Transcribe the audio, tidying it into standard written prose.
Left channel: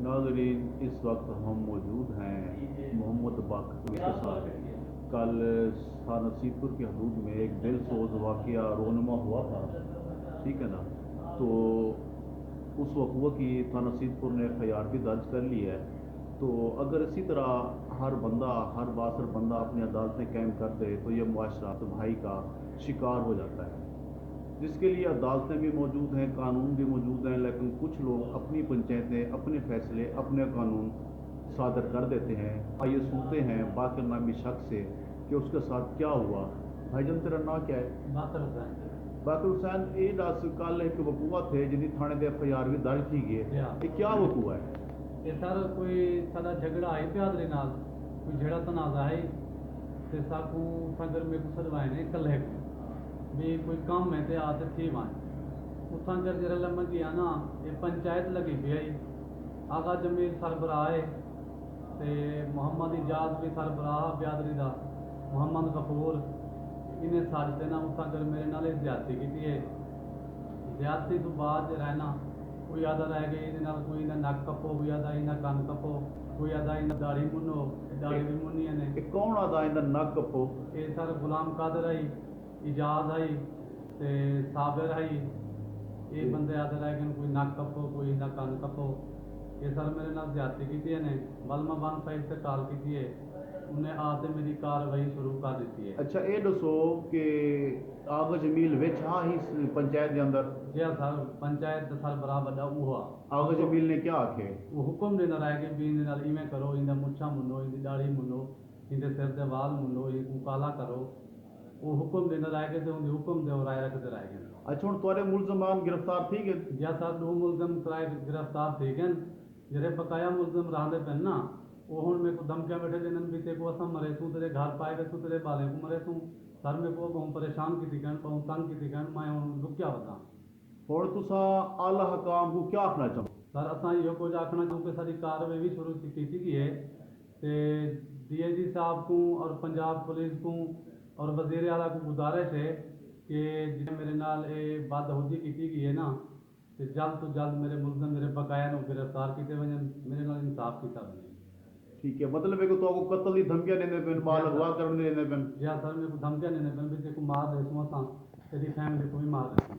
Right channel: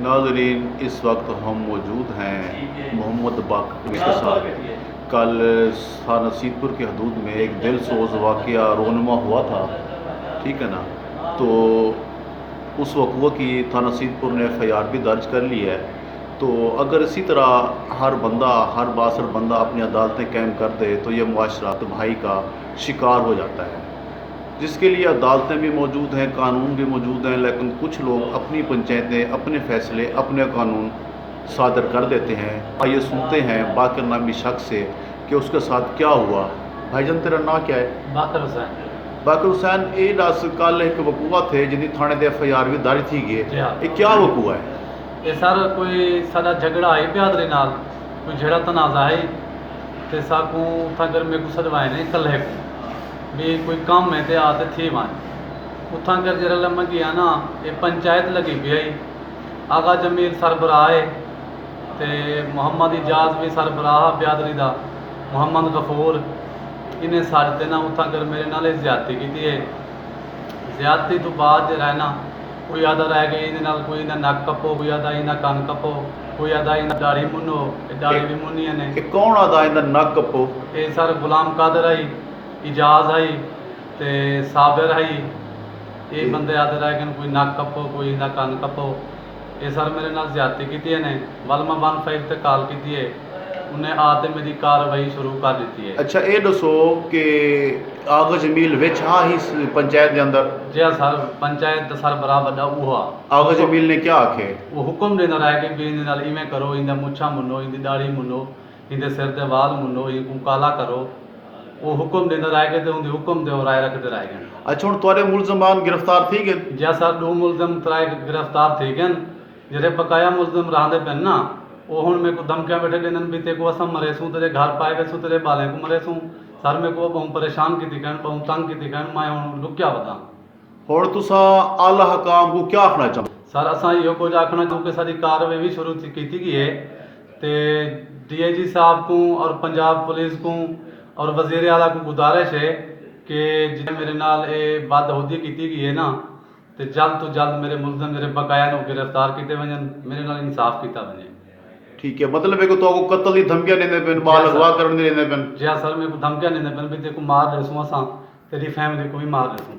नाज़रीन, इस वक्त हम मौजूद हैं मोहम्मद बाकर के साथ। कल थाना नसीबपुर की हदूद में एक दिलसोज वाक़या रोनमा हुआ था, ठीक है ना। तो उस वक़्वे की थाना नसीबपुर ने FIR भी दर्ज कर ली है। तो अगर इसी तरह हर बंदा, हर बासर बंदा अपनी अदालतें कायम कर दे तो ये मुआशरा तबाही का शिकार हो जाता है, जिसके लिए अदालतें भी मौजूद हैं, कानून भी मौजूद हैं, लेकिन कुछ लोग अपनी पंचायतें, अपने फ़ैसले, अपने कानून सादर कर देते हैं। आइए सुनते हैं बाकर नामी शख्स से कि उसके साथ क्या हुआ। भाईजान, तेरा नाम क्या है? बाकर हुसैन। बाकर हुसैन, ये दस कल एक वकूआ थे जिन्हें थाने दे FIR भी दर्ज थी गए, ये क्या वकूआ है? ये सर कोई साਡਾ झगड़ा है बिहादरी नाल, कोई झड़ा तनाज़ा है ते साकू उथा कर मेरे को सदवाए ने कल्हे को भी कोई काम है ते आते थी मान उथा कर जरा लम्मा गया ना। ये पंचायत लगी भी है, आगा जमील सरबराह है ते मोहम्मद इजाज भी सरबराह बिहादरी दा, मोहम्मद गफूर इन्हें साढ़े ना उथा कर मेरे नाल ज्यादती की है। ज्यादती तो बाद रहना कोई आदा रह गई इन्हें नाल, कोई ना नक कपो, कोई आदा इन्हें कान कपो, कोई आदा इन्हें दाढ़ी मुनो, दाढ़ी भी मुनी ने। कौन आदा इन्हें नक कपो? ये सर गुलाम कादर आई, इजाज आई ते साबिर आई, ये बंदे आदे रह गए, कोई नक कपो, कोई इन्हें कान कपो। ये सर मेरे नाल ज्यादती की ने। वलमा 15 ते कॉल की है, उन्हें आते मेरी कार्रवाई शुरू कर दी है। अच्छा, ये दसो कि आगा जमील विच हाँ ही पंचायत के अंदर? जी सर, पंचायत सरबराह वड्डा उहा। आगा जमील ने क्या आखे? वो हुक्म देना रह के भी इन्हें इवें करो, इन्हें मुछा मुनो, इनकी दाढ़ी मुनो, इनके सिर के वाल मुनो, इनको काला करो। वो हुक्म देना रह के उनके हुक्म दे राय रखते रह गए। अच्छा, हूँ तुहाडे मुलजमान गिरफ्तार थी गए? जी सर, 2 मुलजम तराए गिरफ्तार थी गए। जेरे बकाया मुलजम रहते पे ना, वो हूँ मेरे को धमकियाँ बैठे देने भी तेको असा मरे सूँ, तेरे घर पाए गए सूँ, तेरे बालें को मरे सूँ। सर मेरे को बहुत परेशान की कहन, बहुत तंग की कहन, मैं हूँ लुक्या बता। हुण तुसा आला हकाम को क्या आखना चाहो? सर असा यो कुछ आखना क्योंकि सारी कार्रवाई भी शुरू की गई है तो DIG साहब को और पंजाब पुलिस को और वजीर आला को गुजारिश है कि जिन्हें मेरे नाल ये बदहूदी की गई है ना, तो जल्द तो जल्द मेरे मुलजम मेरे बकाया को गिरफ्तार किए वजन, मेरे नाल इंसाफ किया वजे। ठीक है, मतलब है कि तो कत्ल की धमकियां देने पेन, बाल अगवा करने देने पेन? जी हाँ सर, मेरे को धमकियां देने पेन भी तेको मार रहे सूँ, असा तेरी फैमिली को भी मार रहे सूँ।